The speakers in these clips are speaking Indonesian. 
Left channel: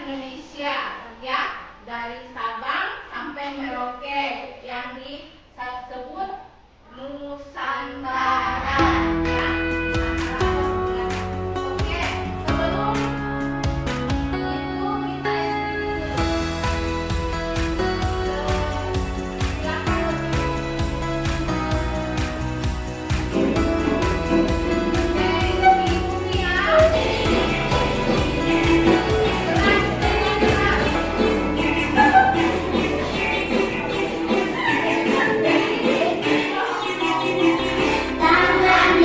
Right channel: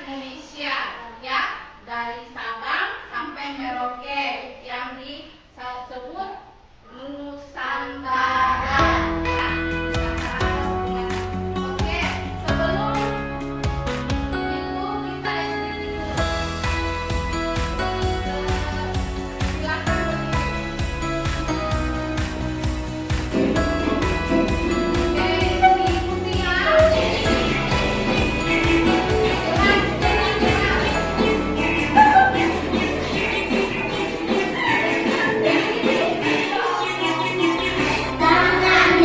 Indonesia ya, dari Sabang sampai Merauke yang disebut Nusantara ya. Oke, sebelum itu kita Tangan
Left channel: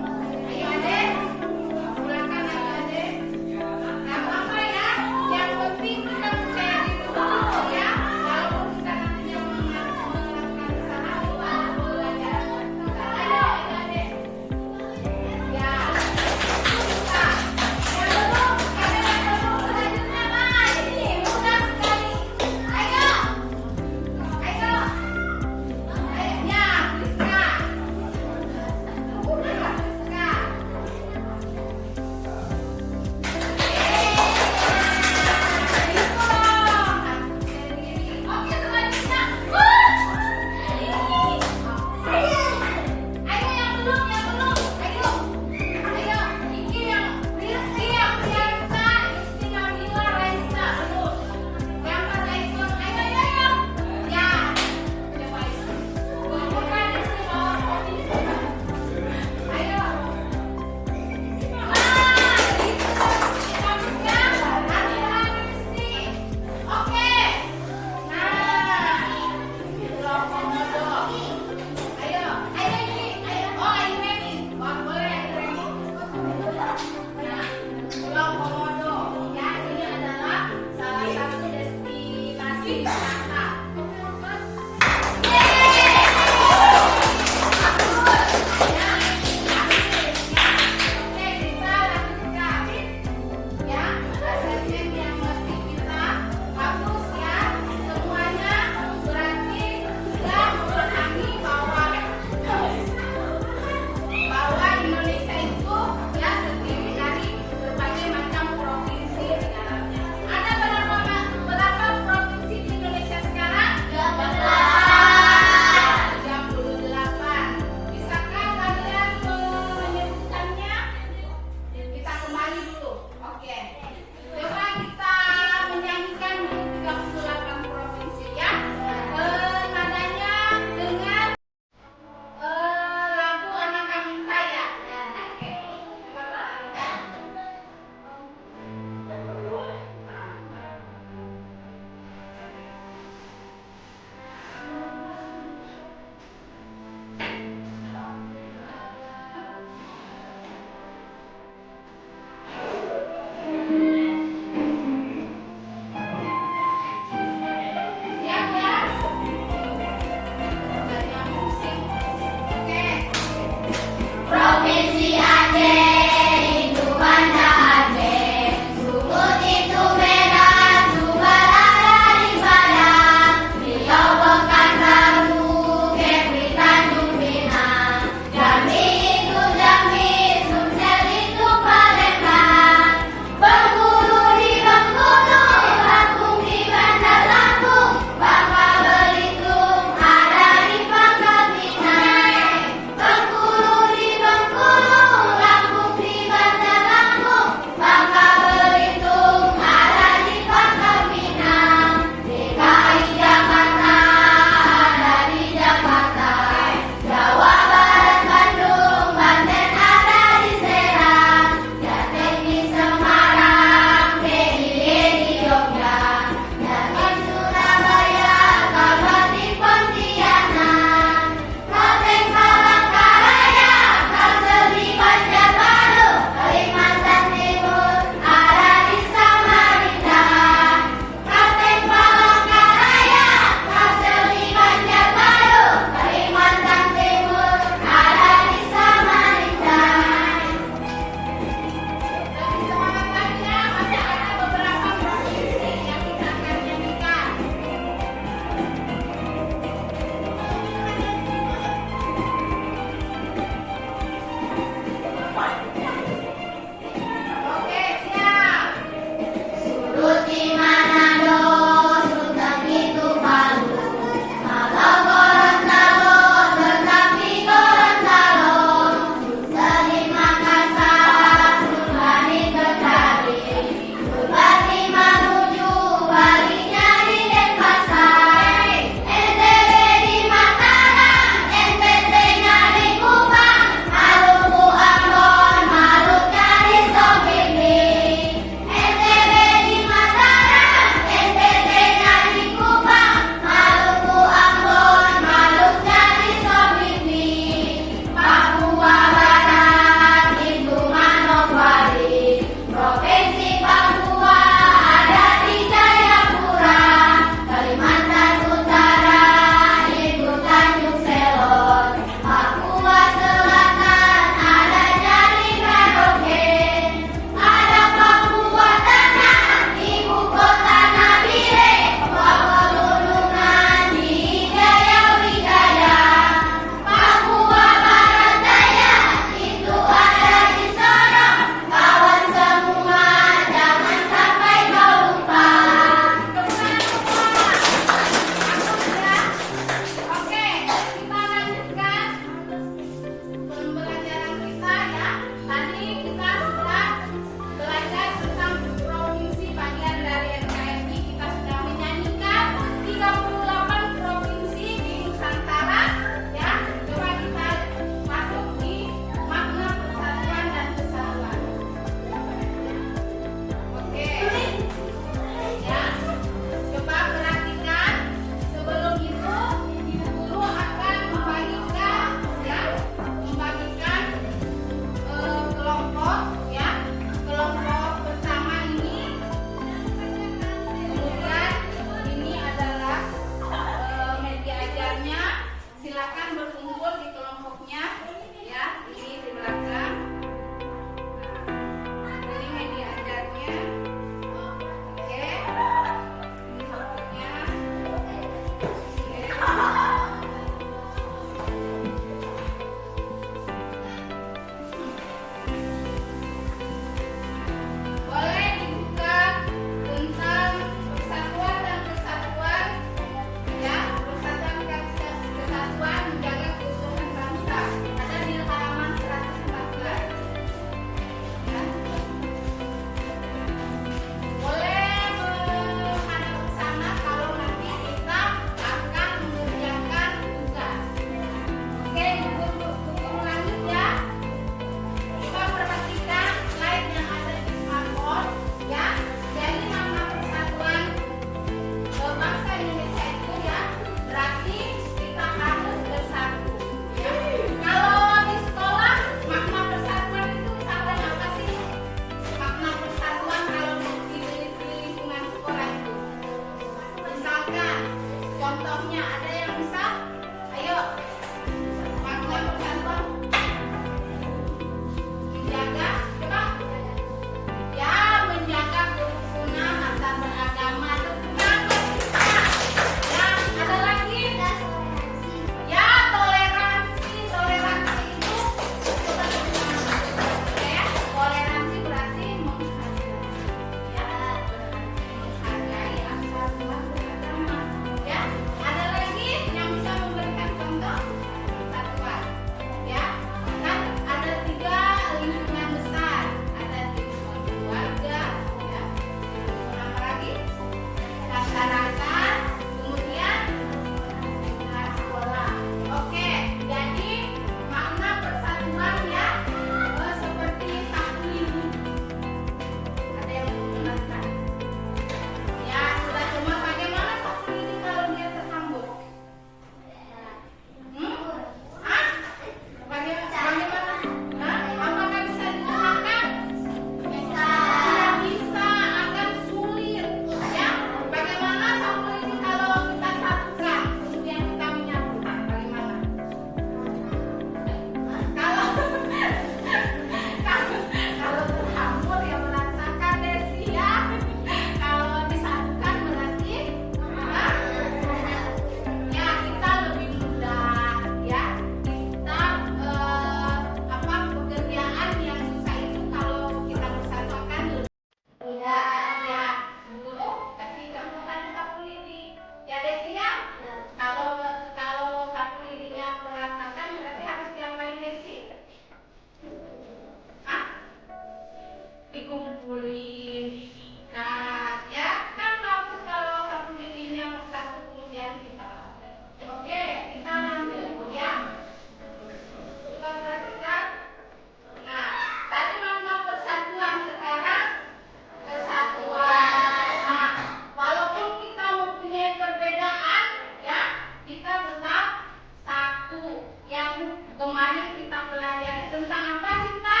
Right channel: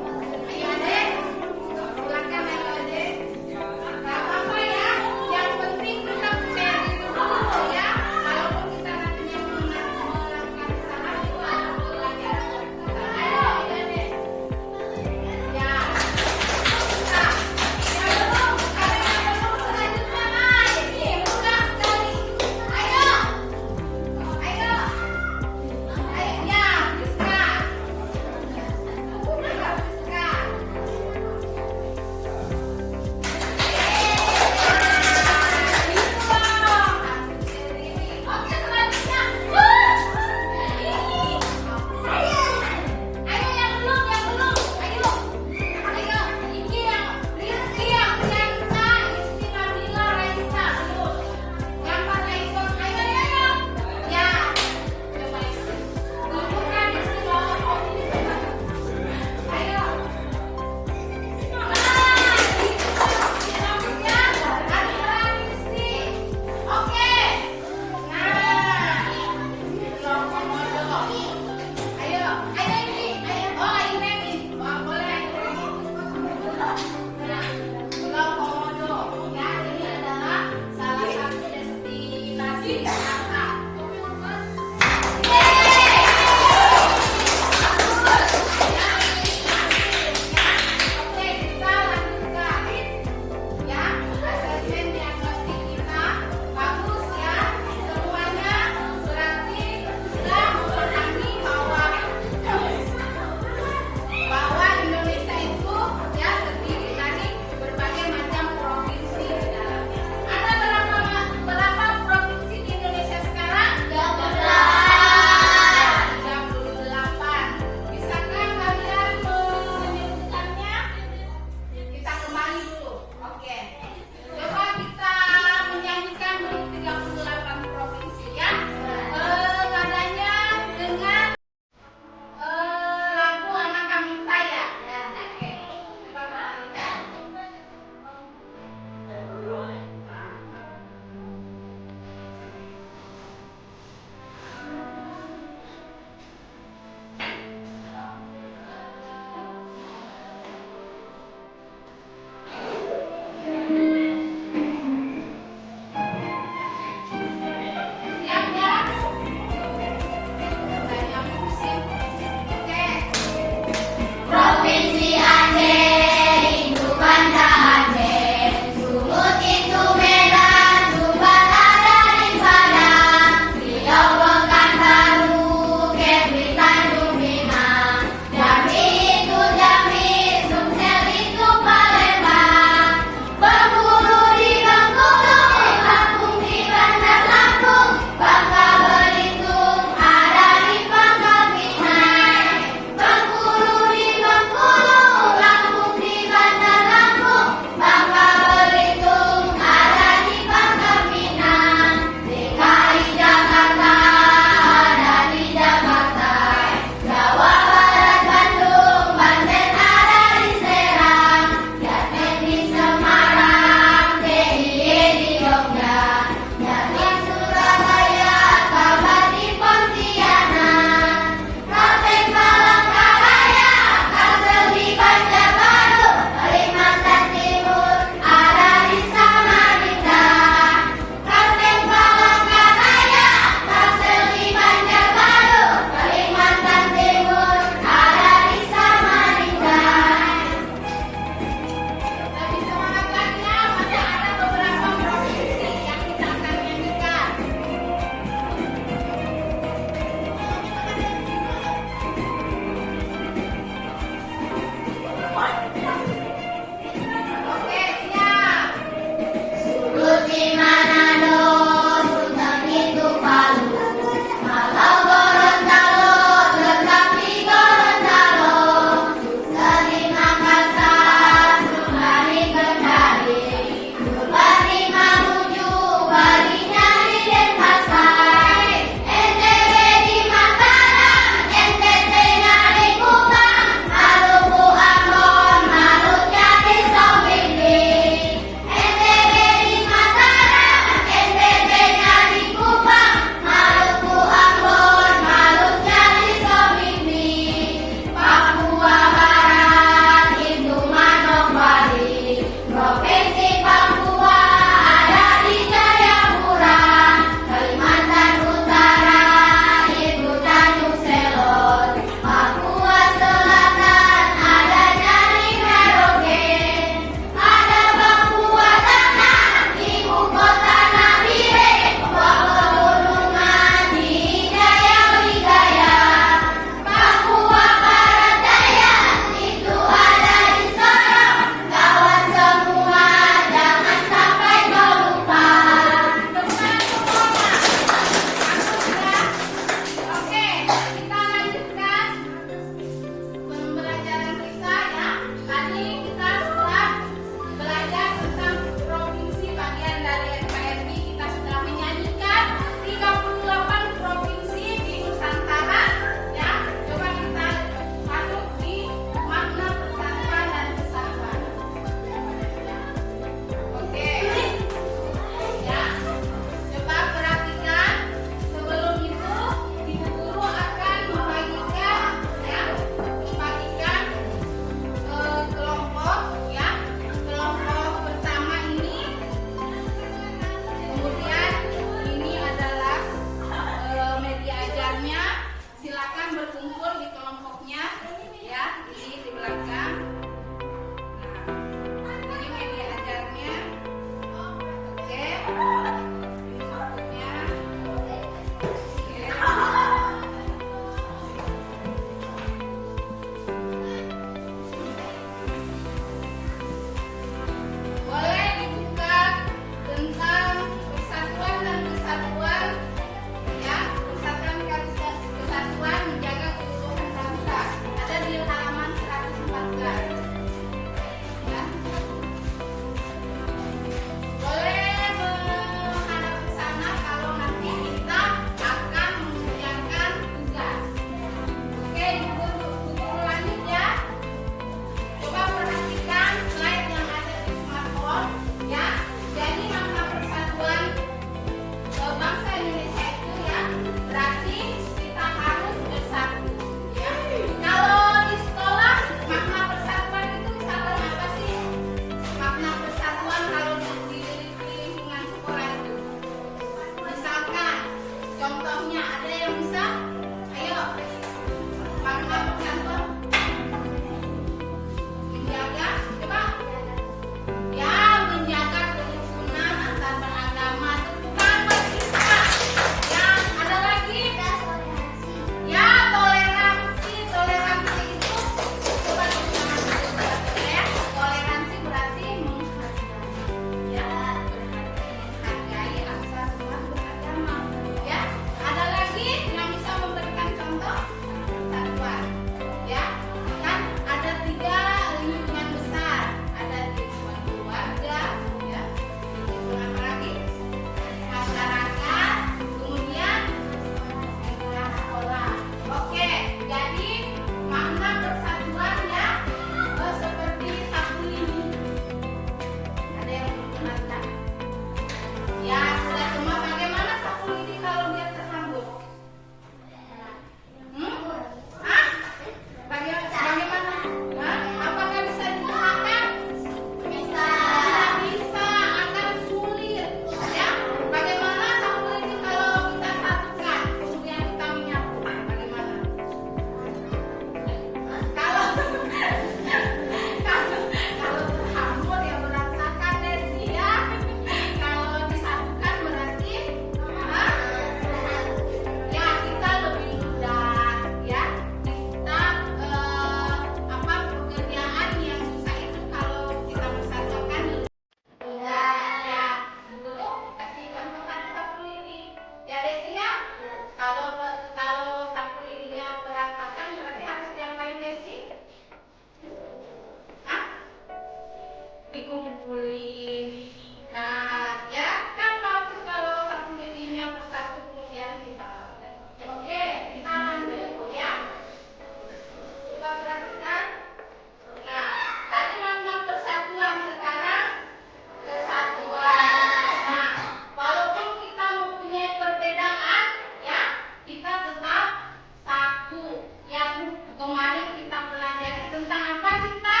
kemarin kita pelajari tentang apa Sinta?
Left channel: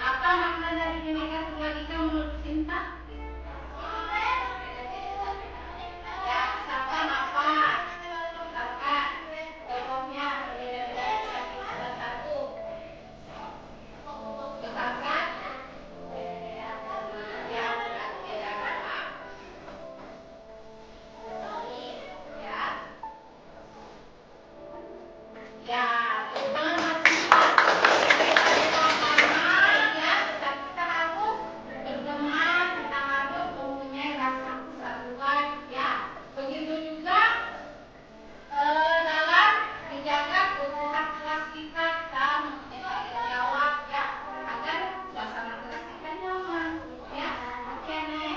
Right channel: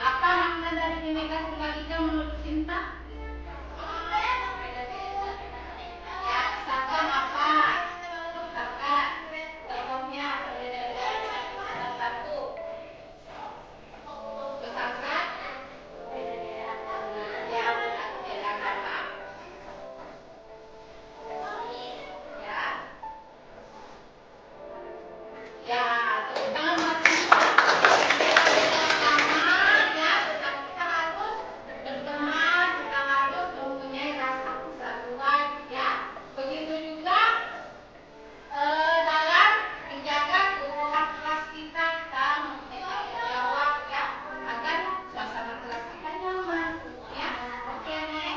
Apa makna dari Bhinneka Tunggal Ika menurut Sinta? Ya, misalkan apa? Misalkan contohnya salah satu misalkan ya beda agama ya ya tangan mati beda agama ya tetap kita harus berteman, kita harus mempunyai rasa persatuan ya begitu juga dalam menjaga keutuhan kelas kita mempunyai jawab ya agar suasana kelas kita nyaman ya oke nih.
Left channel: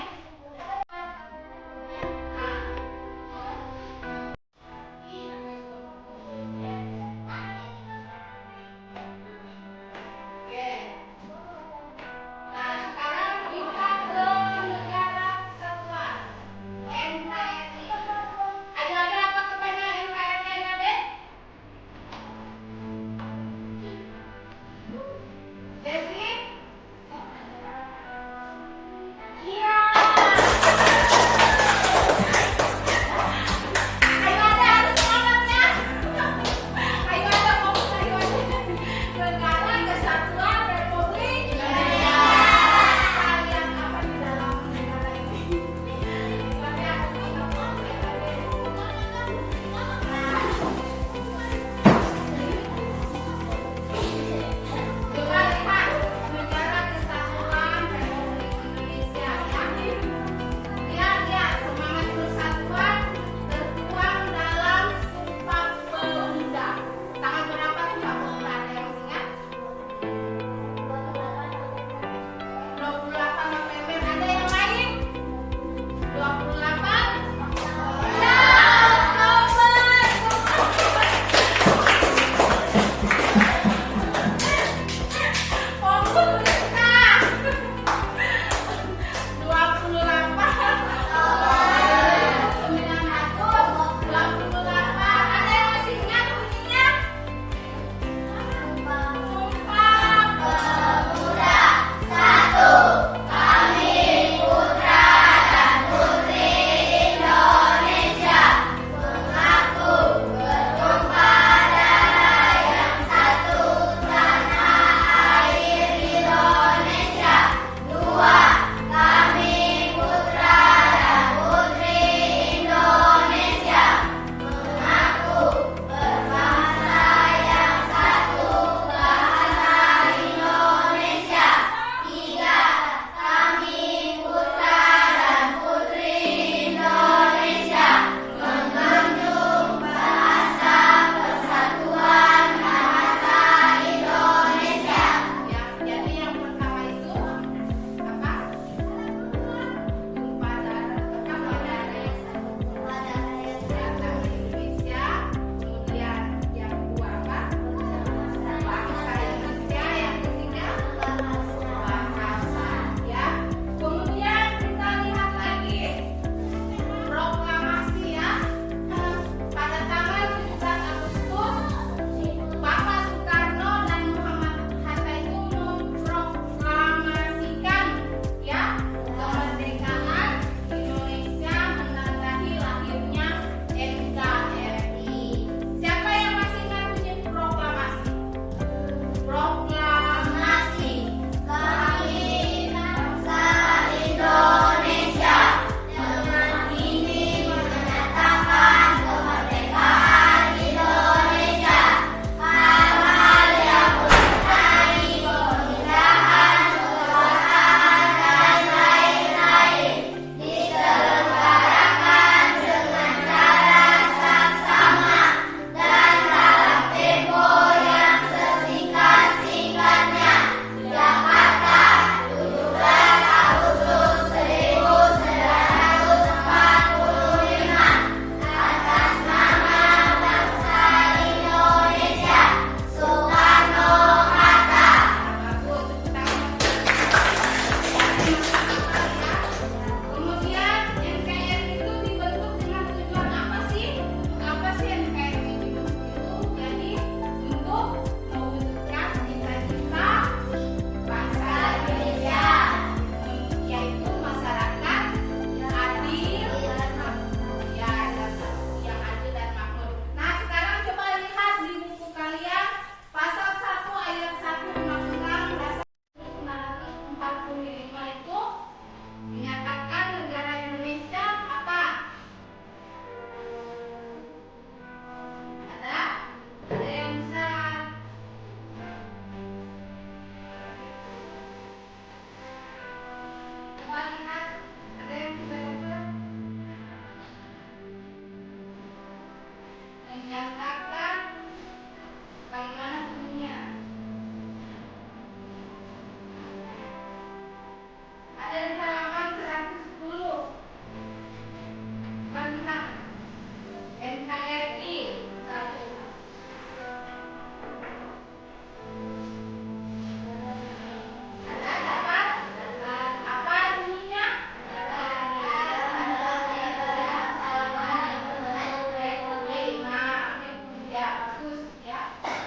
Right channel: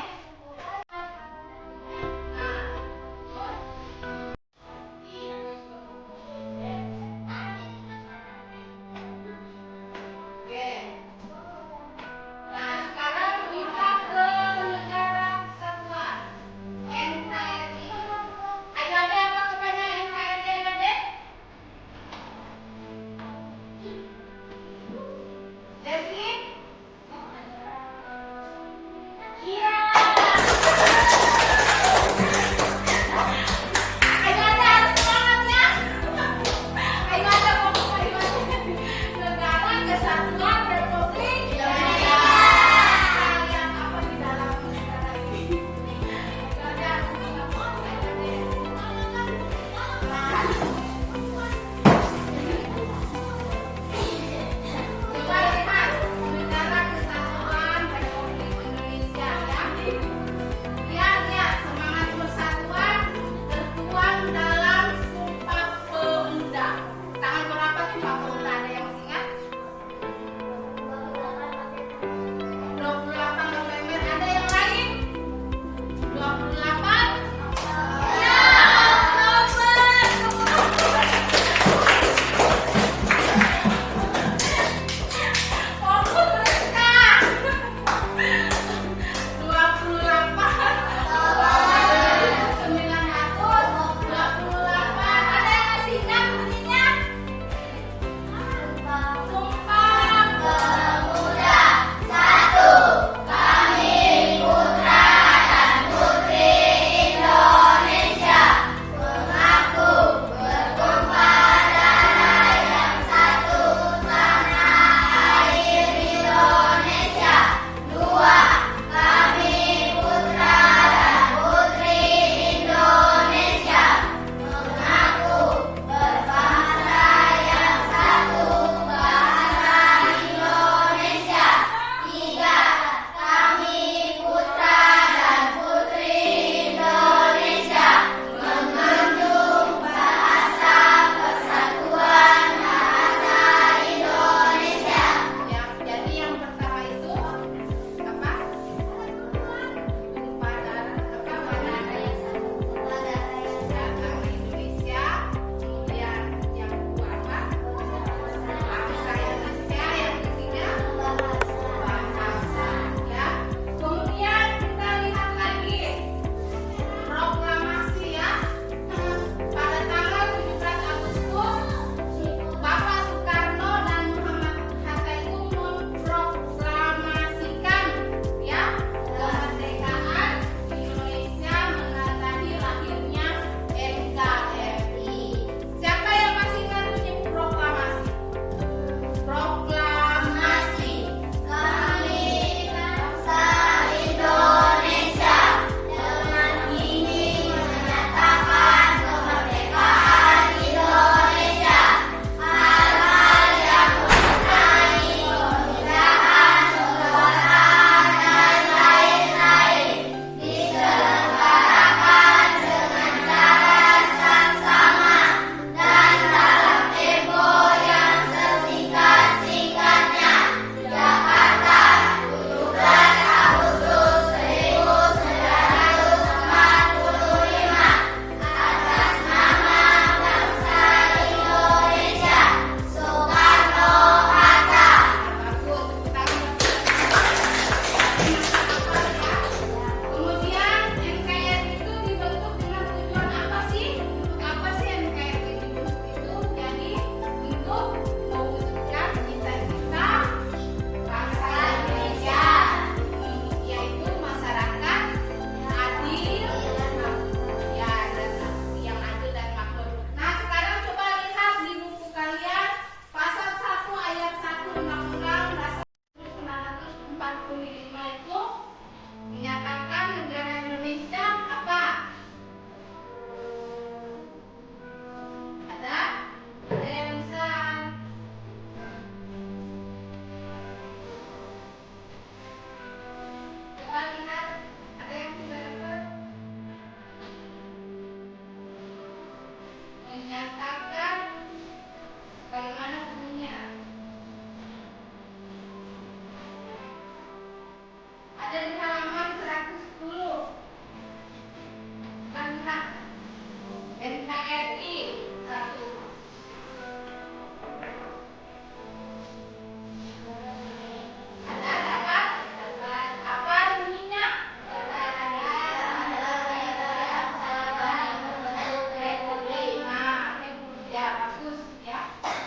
ya.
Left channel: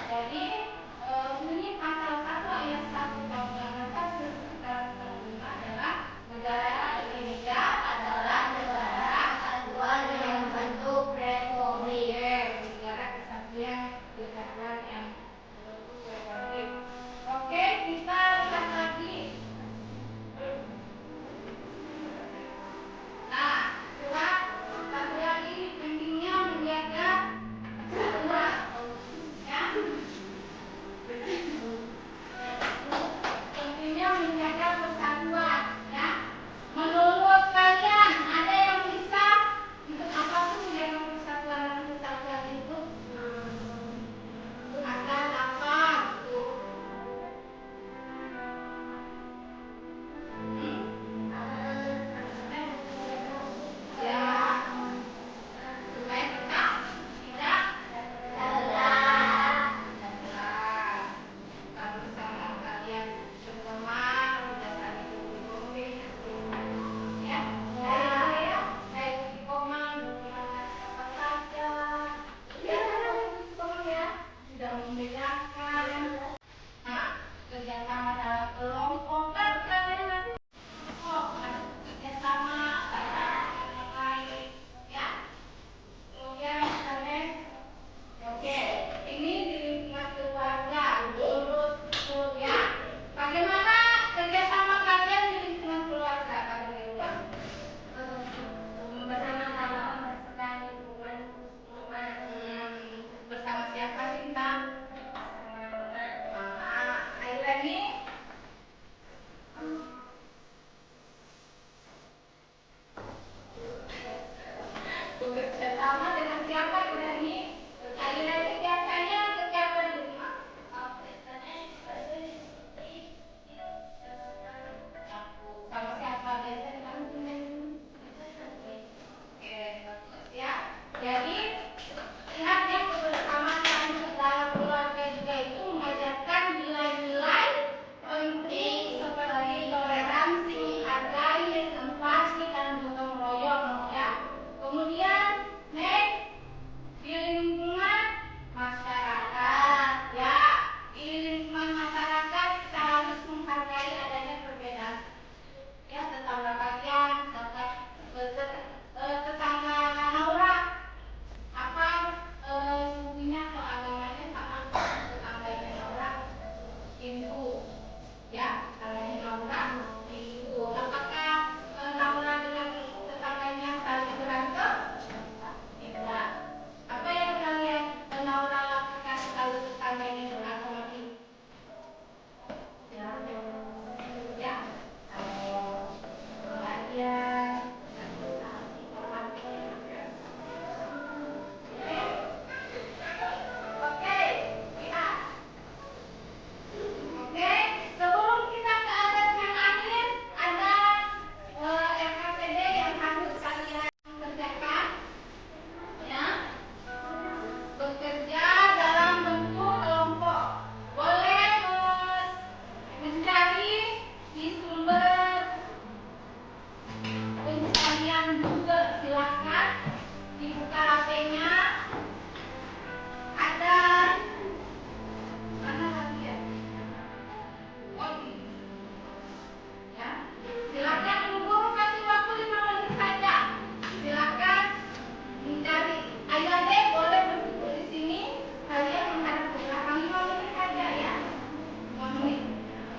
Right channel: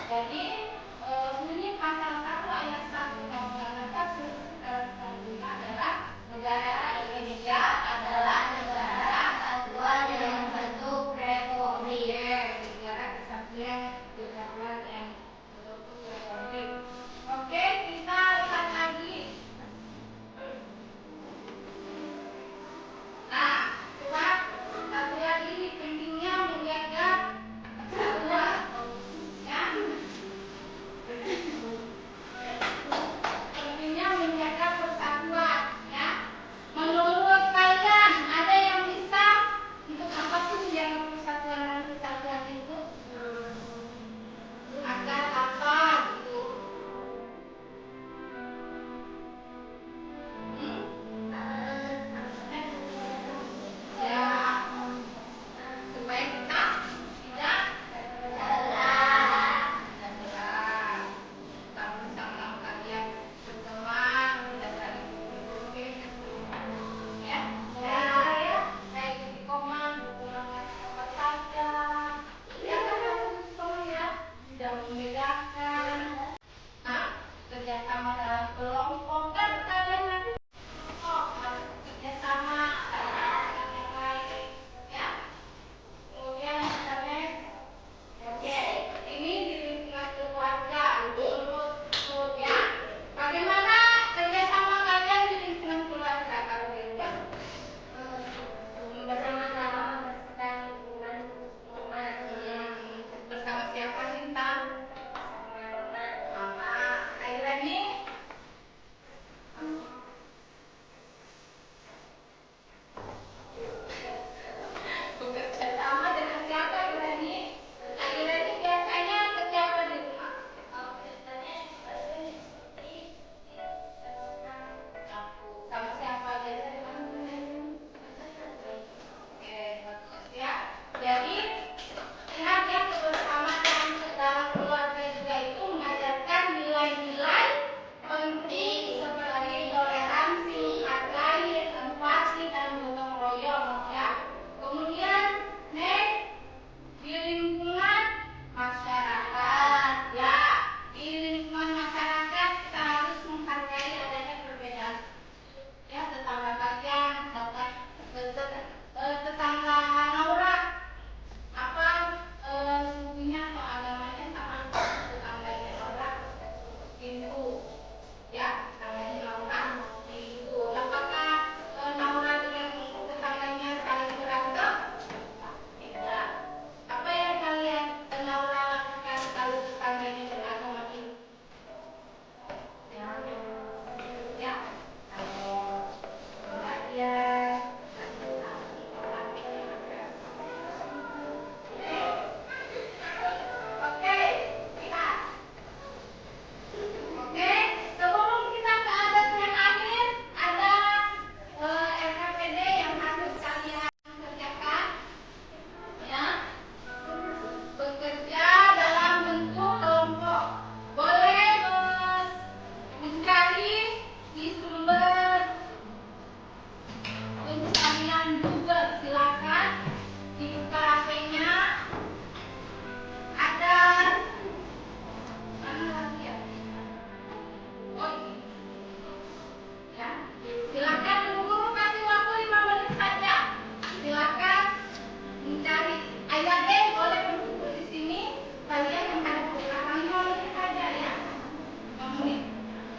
Jadi bunyi pasal 1 ayat 1 Undang-Undang Dasar 1945 adalah negara Indonesia adalah negara kesatuan yang membentuk republik. Negara kesatuan yang membentuk republik. Oke, kita lihat lagi. Nah, lihat satu lagi pentingnya menjaga persatuan, ya. Pentingnya menjaga persatuan, ya. Menurut kalian ada yang bisa untuk apa sih menjaga persatuan dan kesatuan itu? Agar apa gitu? Ya, supaya kita tidak terbelah. Kalau misalnya kalian berteman, tidak saling bergumul, ya, kayak istiqomah, apa saja, ya, ya, tidak membedakan. Nah, kerjasama dalam kelompok kan kalian nanti harus kerjasama dengan yang lain, ya. Kemudian misalnya, oke, ini di lingkungan keluarga, menurut ya. Bagaimana kerjasama kalian di lingkungan keluarga kalau di rumah? Bersama-sama membersihkan lingkungan rumah. Bersama siapa, Sinta? Sama Mama. Aila ini? Bekerja sama dengan siapa, Irani? Irani biasanya kerja apa di rumah? Sama siapa biasanya bantu? Oke, ya. Jadi lihat ya, kebersamaan dalam keluarga juga itu mengajarkan nilai-nilai penting seperti toleransi, hargai, empati, dan gotong royong, ya. Kemudian next, di lingkungan masyarakat, ya. Di lingkungan masyarakat kita harus menghargai adanya perbedaan, ya. Tetangga kalian, tetangga Naura, apa sukunya atau agamanya sama tetangganya Naura? Hindu, ya. Tetangganya Naura Hindu. Apakah Naura dengan tetangganya saling berantem? Tidak. Apa yang kalian Naura lakukan kalau tetangganya beragama Hindu? Ya, kalau pengajian, oke, lihat. Oke, sebelum kita ke adat yang akhir, ada RKPD yang harus kalian kerjakan, ya. Bekerja dalam bentuk kelompok. Boleh mencari di sumber pencarian Google, silakan dibuka HP-nya. Ada mana lagi ya? Oh ini. Ya, silakan guru kasih waktu 5 menit saja. Silakan mencari ayat boleh berkumpul di sini. Kalian menghadap ke belakang 5 menit saja, ya. 5 menit.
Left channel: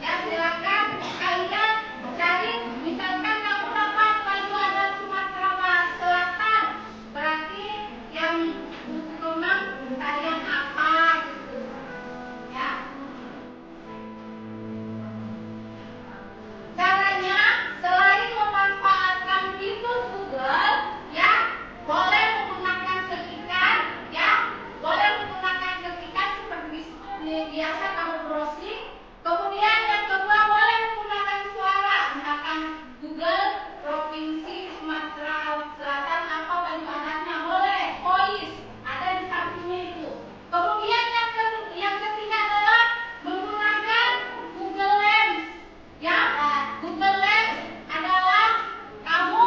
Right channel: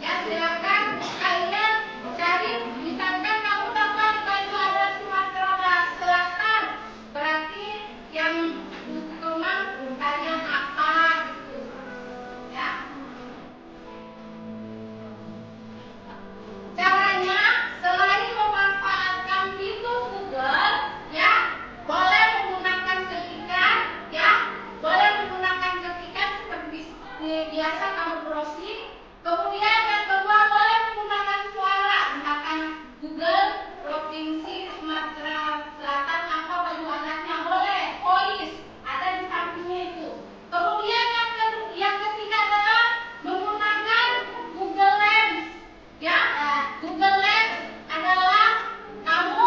Ya, silakan kalian cari. Misalkan kamu dapat baju adat Sumatera Selatan, berarti yang Kemang kalian apa gitu, ya. Caranya selain memanfaatkan fitur Google, ya, boleh menggunakan ketikan, ya, boleh menggunakan ketikan seperti biasa kamu browsing. Kemudian yang kedua boleh menggunakan suara, misalkan Google Provinsi Sumatera Selatan apa baju adatnya, boleh voice ada di sampingnya itu. Kemudian yang ketiga adalah menggunakan Google Lens. Ya, Google Lens adalah kamu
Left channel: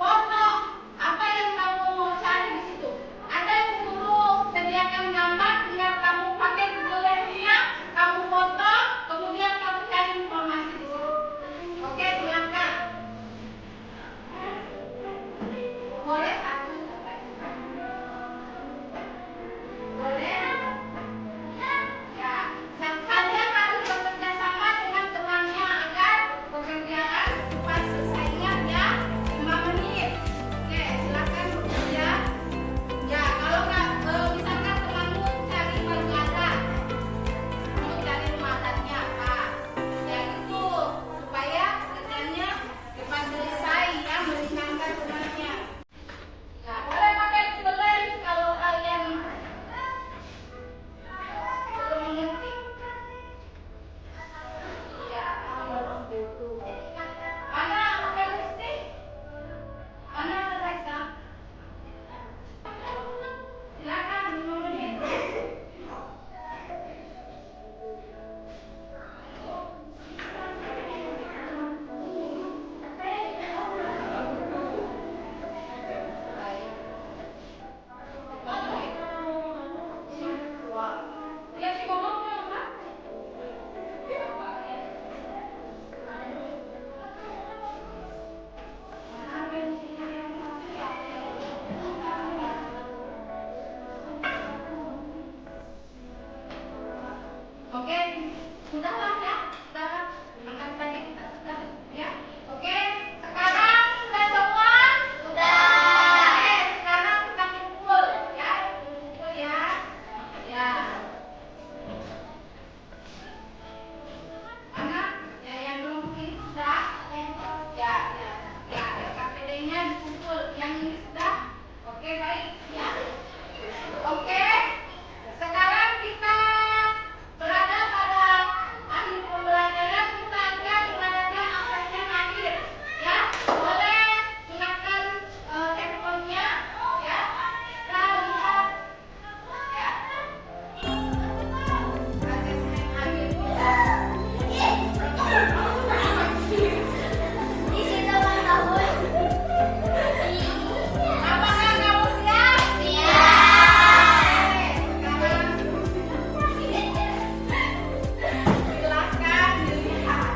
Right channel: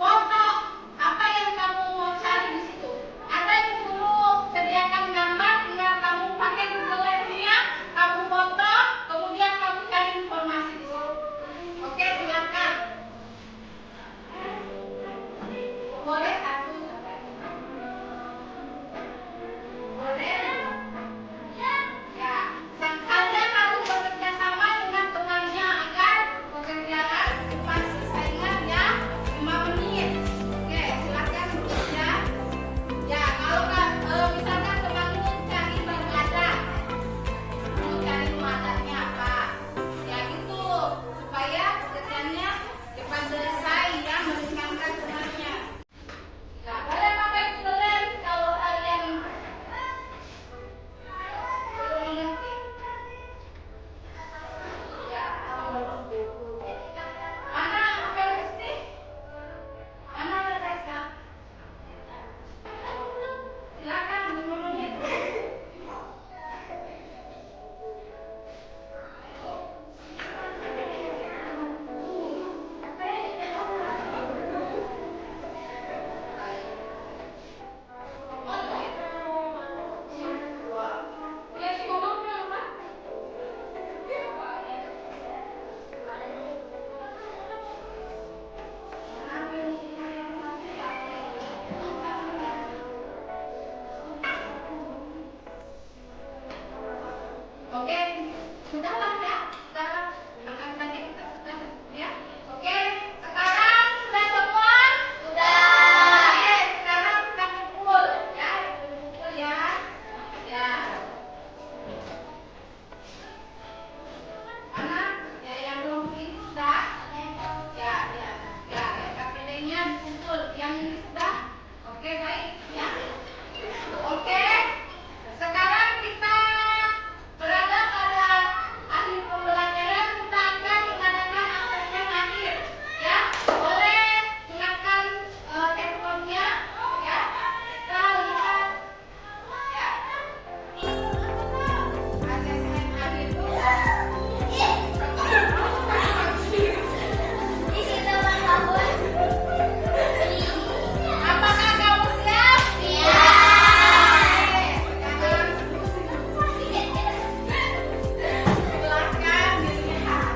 foto apa yang kamu mau cari di situ. Ada yang guru sediakan gambar, tinggal Sudahlah ya, sekarang makan pagi kita sudah ya. Oke, sekarang sudah semua? Sudah. Oke, sekarang kita kumpul ya, kumpul ya. Ya. Anak, ya yang belum ini sudah? Ya, ya, ya, KPD-nya dikumpul. Yang ini sudah? Oke, baik ya. Oke. Sekarang kita berada pada akhir pembelajaran. Kita akan mengadakan absen akhir. Ya, boleh silakan handphonenya. Ya, kita lihat. Ya. Absen akhir itu. Apakah kamu siap? Silakan dilihat.